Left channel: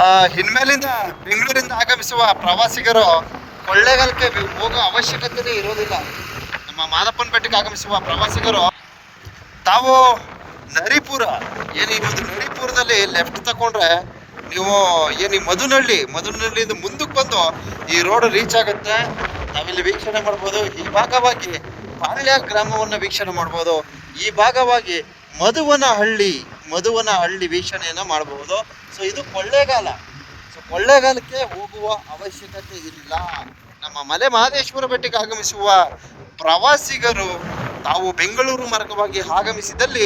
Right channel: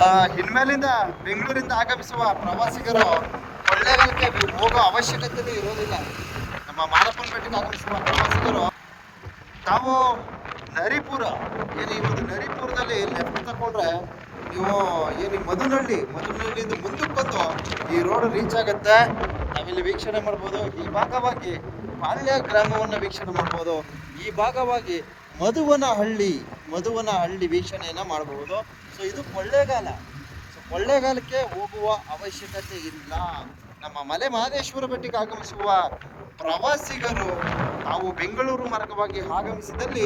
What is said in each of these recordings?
ಆ, ಇನ್ಮೇಲಿಂದ ಬೆಂಗಳೂರಿಂದ ಆಗಮಿಸುವ ಪ್ರವಾಸಿಗರು ಕೊಳ್ಳೇಗಾಲಕ್ಕೆ ಹೋಗೋ ಅವಶ್ಯಕತೆನೇ ಇರೋದಿಲ್ಲ. ನಮ್ಮ ಮಾದಪ್ಪನ ಬೆಟ್ಟಕ್ಕೆ ಆಗಮಿಸುವ ಪ್ರವಾಸಿಗರು ತಾವು ನರಿಪುರ ಏನು ಈ ಒಂದು ನರಿಪುರದಲ್ಲಿ ಲೆಫ್ಟ್ ತಗೊಂಡ್ರೆ ನೀವು ಏನು ಈ ಮಧುನಹಳ್ಳಿ ಮಧುನಹಳ್ಳಿಯಿಂದ ಮುಂದಕ್ಕೆ ಬಂದು ಈ ರೋಡ್ ರೀಚ್ ಆಗುತ್ತೆ. ನಾವಿಲ್ಲಿ ವೀಕ್ಷಣೆ ಮಾಡ್ಬೋದು. ಈ ಭಾಗವಾಗಿ ಪಾಳ್ಯ ಗ್ರಾಮವನ್ನು ವೀಕ್ಷಣೆ ಮಾಡ್ಬೋದು. ಈ ಭಾಗವಾಗಿ ಮಧುವನ ಹಳ್ಳಿ ಮಧುವನ ಹಳ್ಳಿ ವೀಕ್ಷಣೆಯನ್ನು ಮಾಡಬಹುದು ಸೊ ಇದು ಕೊಳ್ಳೇಗಾಲ. ಸೊ ಕೊಳ್ಳೇಗಾಲಕ್ಕೆ ಹೋಗುವ ಅವಶ್ಯಕತೆ ಇಲ್ಲ. ನಮ್ಮ ಮಲೆ ಮಹದೇಶ್ವರ ಬೆಟ್ಟಕ್ಕೆ ಆಗಮಿಸುವ ಪ್ರವಾಸಿಗರು ತಾವು ಬೆಂಗಳೂರು ಮಾರ್ಗವಾಗಿ ಆಗಮಿಸಿದಲ್ಲಿ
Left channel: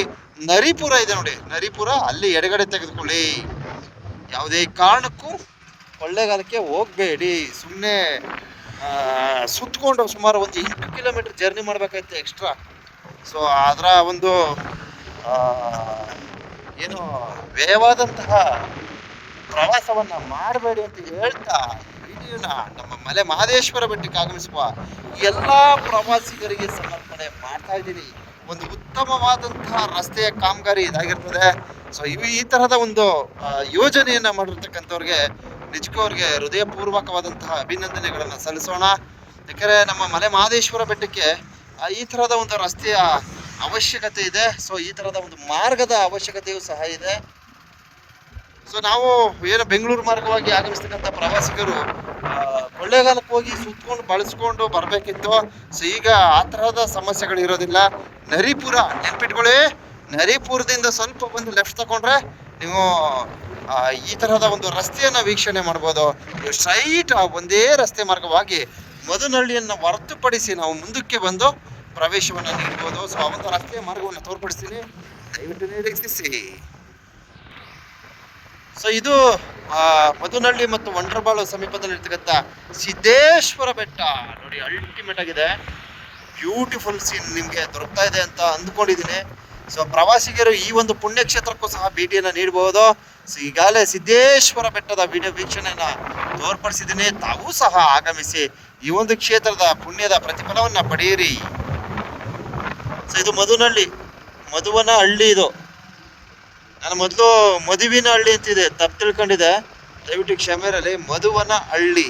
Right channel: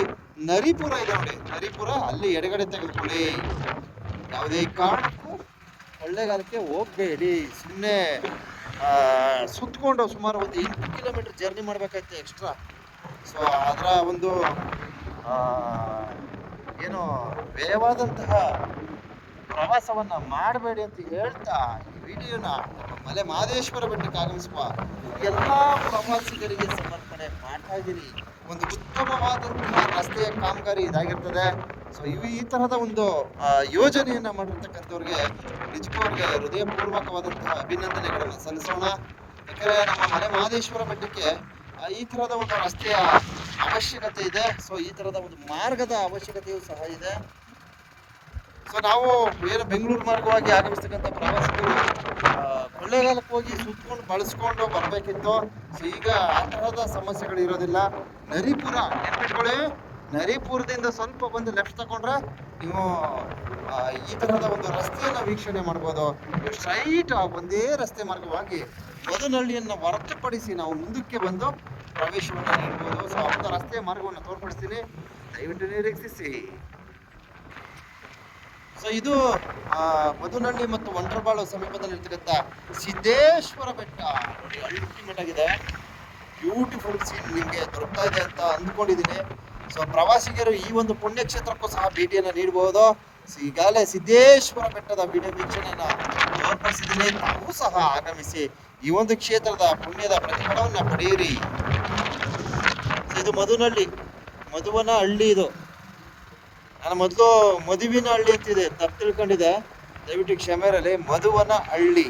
ನರಿಪುರ ಇದೆ ನೋಡಿ. ನರಿಪುರ ಅಲ್ಲಿ ಎಡಗಡೆ ತೆಗೆದುಕೊಳ್ಳಿ. ಯಾವುದೇ ಕಾರಣಕ್ಕೂ ಕೊಳ್ಳೇಗಾಲಕ್ಕೆ ಹೋಗಬೇಡಿ. ಸುಮ್ಮನೆ ಸುತ್ತಕೊಂಡು ಸುಮಾರು ಒಂದು ಎಂಟು ಕಿಲೋಮೀಟರ್ ಜರ್ನಿ ಮಾಡಬೇಕಾಯ್ತು ಎಕ್ಸ್ಟ್ರಾ ಸೊ ಅದರ ಒಂದು ಏನು ವ್ಯಯವಾದಂತಹ ಪ್ರವಾಸವನ್ನ ಮಾಡಬೇಡಿ ಅಂತ ಹೇಳ್ತಾ ಈ ವಿಡಿಯೋನ ನಮ್ಮ ಮಲೆ ಮಹದೇಶ್ವರ ಬೆಟ್ಟಕ್ಕೆ ಆಗಮಿಸುವ ಎಲ್ಲ ಪ್ರವಾಸಿಗರಿಗೆ ಸಮರ್ಪಣೆ ಮಾಡ್ತಾ ಇದ್ದೀನಿ. ಒಂದು ಉತ್ತಮವಾದಂತಹ ರಸ್ತೆಯ ಕಾಮಗಾರಿ ಇದಾಗಿರ್ತದೆ. ಸೊ ಇವು ಈ ತರಹದ ಒಂದು ಯೋಜನೆಯನ್ನು ಮಾಡಿರ್ತಕ್ಕಂಥವ್ರಿಗೆ ನಿಜಕ್ಕೂ ಅವ್ರಿಗೆ ಹೃದಯಪೂರ್ವಕವಾದಂತಹ ಅಭಿನಂದನೆಗಳನ್ನು ಸಲ್ಲಿಸೋಣ. ಯಾಕೆಂದರೆ ನಮ್ಮ ಮಲೆ ಮಹದೇಶ್ವರ ಬೆಟ್ಟಕ್ಕೆ ಈ ಥರದ ಒಂದು ರಸ್ತೆಯ ಅವಶ್ಯಕತೆ ಇದೆ. ಸೊ ಈ ಥರದ ಒಂದು ಮಾರ್ಗದ ಅವಶ್ಯಕತೆಯೂ ಸಹ ಇದೆ. ಸೊ ನಾವು ಏನು ಬೆಂಗಳೂರು ಮಾರ್ಗವಾಗಿ ಆಗಮಿಸ್ತಕ್ಕಂಥ ಪ್ರವಾಸಿಗರು ಕೊಳ್ಳೇಗಾಲಕ್ಕೆ ಹೋಗಿ ಸುತ್ಕೊಂಡು ಬಳಸ್ಕೊಂಡು ಬರಬೇಕಿತ್ತು. ಸೊ ಈಗ ಆ ತರಹದ ಸಮಸ್ಯೆಗಳು ಇರೋದಿಲ್ಲ ನರಿಪುರ ನೆನ್ಪಿಟ್ಕೊಳ್ಳಿ. ನರಿಪುರದಿಂದ ಸ್ವಲ್ಪ ಬಂದು ಲೆಫ್ಟ್ ತಗೊಂಡ್ರೆ ನೀವು ಈ ತರಹದ ಒಂದು ರಸ್ತೆಯನ್ನ ವೀಕ್ಷಣೆ ಮಾಡ್ಬೋದು. ಸ್ಟ್ರೈಟ್ ಒಂದೇ ರಸ್ತೆ ಮಾರ್ಗವಾಗಿ ಮದನಹಳ್ಳಿಯನ್ನು ಹೊರತುಪಡಿಸಿ ನಾವು ಮುಂದಕ್ಕೆ ಬಂದು ಪ್ರವೇಶವನ್ನ ನೀಡ್ಬೋದು. ಸೊ ಒಂದು ರಸ್ತೆಯ ಮಾರ್ಗವನ್ನು ತೋರ್ಪಡಿಸ್ತೀನಿ. ದಯವಿಟ್ಟು ನಿರೀಕ್ಷಿಸಿ. ಸೊ ಇದು ಮಧುನಹಳ್ಳಿ ಮತ್ತು ವಂಡ್ರಬಾಳು ಸಮೀಪದಲ್ಲಿರ್ತಕ್ಕಂಥ ಸಿದ್ದೇಶ್ವರ ಬೆಟ್ಟ. ನೋಡಿ ಅಲ್ಟಿಮೇಟ್ ಆಗಿದೆ. ಬ್ಯೂಟಿಫುಲ್ ಸೀನ್ ನಿಮಗೆ ದೊರಕ್ತಾ ಇದೆ ಅಂತ ಅಂದ್ಕೊಂಡಿದ್ದೀನಿ. ಸೊ ಪ್ರವಾಸಿಗರು ಈ ಒಂದು ಪುಣ್ಯಕ್ಷೇತ್ರಕ್ಕೂ ಸಹ ಭೇಟಿಯನ್ನು ನೀಡಬಹುದು ಸೊ ಈಗಾಗಲೇ ಸಿದ್ದೇಶ್ವರ ಬೆಟ್ಟದ ವಿಡಿಯೋ ವೀಕ್ಷಣೆಯನ್ನು ತೋರ್ಪಡಿಸಿದ್ದೀನಿ. ತಾವೂ ಸಹ ಆಗಮಿಸಿ ಈ ಒಂದು ಕ್ಷೇತ್ರದ ಪುಣ್ಯದ ಪ್ರತಿಫಲವನ್ನ ಪಡೆಯಿರಿ. ಇದು ಮಧುನಹಳ್ಳಿ ಮಧುವನ ಹಳ್ಳಿ ಇದು. ನಾನು ಮೊದಲು ಮದುವಿನ ಹಳ್ಳಿ ಅಂತಿದೆ, ತಪ್ಪು ತಿಳ್ಕೊಂಡಿದೆ ದಯವಿಟ್ಟು ಕ್ಷಮೆ ಇರಲಿ ಮಧುವನ ಹಳ್ಳಿ.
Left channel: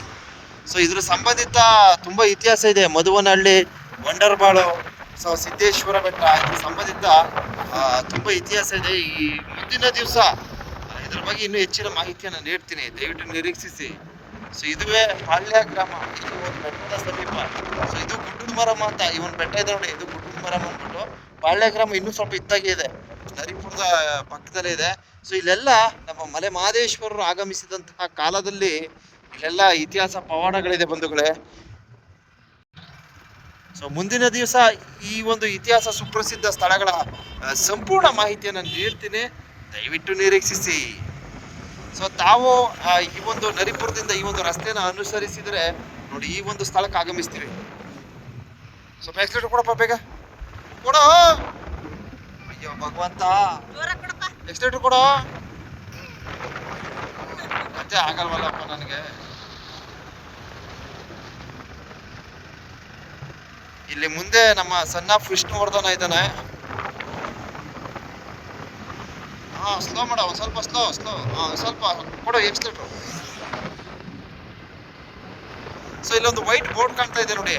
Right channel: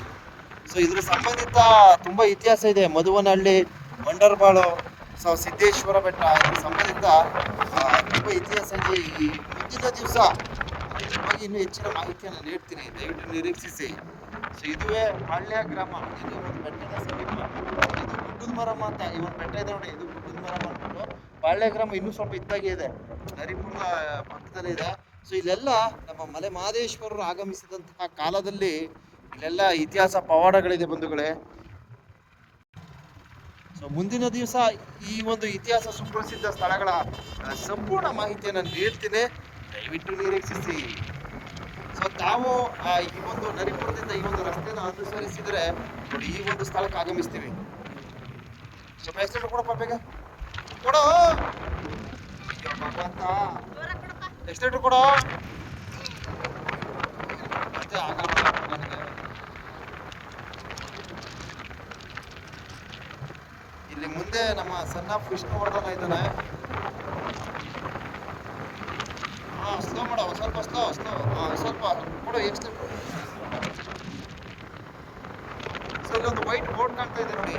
ಸೊ ಇದ್ರ ಸಂಬಂಧಿತ ತುಂಬ ಇತಿಹಾಸ ಇದೆ. ಮಧುವನ ಹಳ್ಳಿ ವಂಡರ್ಬಾಳು ಸೊ ಸಿದ್ದೇಶ್ವರ ಬೆಟ್ಟ, ಇದ್ರ ಸಂಬಂಧಿತ ತುಂಬ ಇತಿಹಾಸ ಇದೆ. ಈ ಮುಂದಿನ ದಿವಸ, ಇದ್ರ ಬಗ್ಗೆ ಇನ್ನೂ ಹೆಚ್ಚಿನ ಮಾಹಿತಿಯನ್ನು ನೀಡ್ತೀನಿ. ದಯವಿಟ್ಟು ನಿರೀಕ್ಷಿಸಿ. ಸೊ ಇದುವೇ ಪಾಳ್ಯ ಗ್ರಾಮ. ಇದು ಒಂದು ಬೆಟ್ಟದ ಸಮೀಪ. ಸೊ ಇದು ಗುಡ್ಡದ ಮರಮ್ಮ ಅಂತ ಈ ಒಂದು ಬೆಟ್ಟ ಇದೆ ನೋಡಿ, ಇದು ಗುಡ್ಡದ ಮರಮ್ಮ ಅಂದ್ಬಿಟ್ಟು ಪಾಳ್ಯ ಗ್ರಾಮ ಇನ್ನೂ ಸ್ವಲ್ಪ ಇದ್ದಾಗೆ ಇದೆ. ನರಿಪುರದ ಪಕ್ಕದಲ್ಲೇ ಇದೆ. ಸೊ ಇಲ್ಲೆಲ್ಲ ನಮ್ಮ ಮಲೆ ಮಹದೇಶ್ವರರು ಆಗಮಿಸಿದಂತಹ ಕಾಲದಲ್ಲಿ ಇಲ್ಲೆಲ್ಲ ಇತಿಹಾಸ ಪವಾಡಗಳಿದೆ ಬಂಧುಗಳೇ. ಸೊ ಮುಂದಿನ ದಿವಸ ಈ ಒಂದು ಇತಿಹಾಸ ಸುಪ್ರಸಿದ್ಧ ಸ್ಥಳಗಳ ಸಂಪೂರ್ಣ ಮಾಹಿತಿಯನ್ನು ನೀಡ್ತೀನಿ. ದಯವಿಟ್ಟು ನಿರೀಕ್ಷಿಸಿ. ಸೊ ತಾವು ಈ ಒಂದು ನರಿಪುರದಿಂದ ಈ ಒಂದು ರಸ್ತೆನ ಅನುಸರಿಸಿದರೆ ನೋಡಿ, ಈ ಒಂದು ಸ್ಥಳಕ್ಕೆ ಆಗಮಿಸ್ತೀವಿ. ಸ್ವಲ್ಪ ಎಕ್ಸ್ಲೇಟರ್ ಕೊಡಪ್ಪ ಬೇಗ. ಕೊಡೋ! ಅಯ್ಯೋ, ಭಗವಂತ. ಎಕ್ಸ್ಲೇಟರ್ ಕೊಡೋ. ಮತ್ತೆ ಆಗಲ್ವಲ್ಲಪ್ಪ ನನಗೆ. ಇಲ್ಲಿ ಮುಂದೆ ನಮ್ಮ ಸಣ್ಣ ವಿಷ್ಣುವರ್ಧನ ಇದ್ದಾನೆ. ಹಾ ಸ್ಲೋ ಮಾಡ ಸ್ವಲ್ಪ ಸ್ಲೋ ಸ್ಲೋ ಹಾ, ಸ್ವಲ್ಪ ಕೊಡು ಎಕ್ಸ್ಲೇಟ್ರು ಸೊ ಇಲ್ಲೊಂದು ವೈಟ್ ಬೋರ್ಡ್ ಕಾಣ್ತಾ ಇದೆ ನೋಡಿ.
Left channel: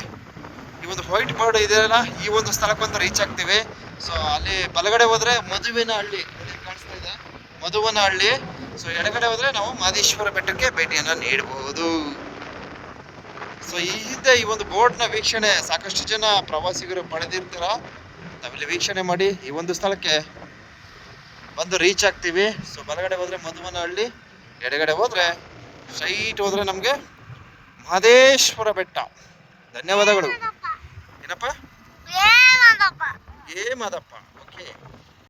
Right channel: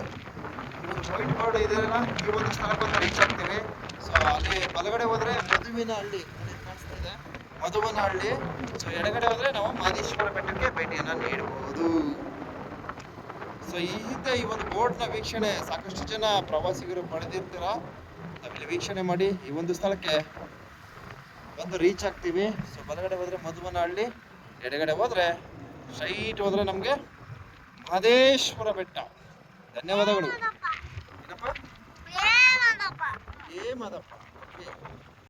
ಈ ಒಂದು ವೈಟ್ ಬೋರ್ಡ್ ಇದೆಯಲ್ಲ ಈ ಒಂದು ಸ್ಥಳಕ್ಕೊಂದು ರೀಚ್ ಆಗ್ತೀವಿ. ಸೊ ಅಲ್ಲಿ ಬಲಗಡೆ ಹೋದ್ರೆ ಮಧುವಿನ ಹಳ್ಳಿ ಕಾಣಿಸ್ತಾ ಇದೆ. ಮಧುವನ ಹಳ್ಳಿ ಸೊ ಎಡಗಡೆ ಹೋದ್ರೆ ನಾವು ಮಾದೇಶ್ವರ ಬೆಟ್ಟಕ್ಕೆ ಭೇಟಿಯನ್ನು ನೀಡಬಹುದು ಸೊ ಈ ಹಿಂದೆ ಈ ಒಂದು ಬೋರ್ಡ್ನ ವೀಕ್ಷಣೆ ಸಾಕಷ್ಟು ಜನ ಪ್ರವಾಸಿಗರು ಪಡೆದಿರ್ತೀರ. ನಾವಿಲ್ಲಿ ವೀಕ್ಷಣೆ ಮಾಡಿ ಈ ಒಂದು ಸ್ಥಳಕ್ಕೆ ಬಂದು ರೀಚ್ ಆಗ್ತೀವಿ. ಸೊ ಬಲಗಡೆ ಹೋದರೆ ಮಧುವನ ಹಳ್ಳಿ ಎಡಗಡೆ ಹೋದರೆ ಸ್ಟ್ರೈಟ್ ಹೋದರೆ ನಮಗೆ ಮಹದೇಶ್ವರ ಬೆಟ್ಟ. ಧನ್ಯವಾದಗಳು. ಏನಪ್ಪ? ಏ ಮಾದಪ್ಪ.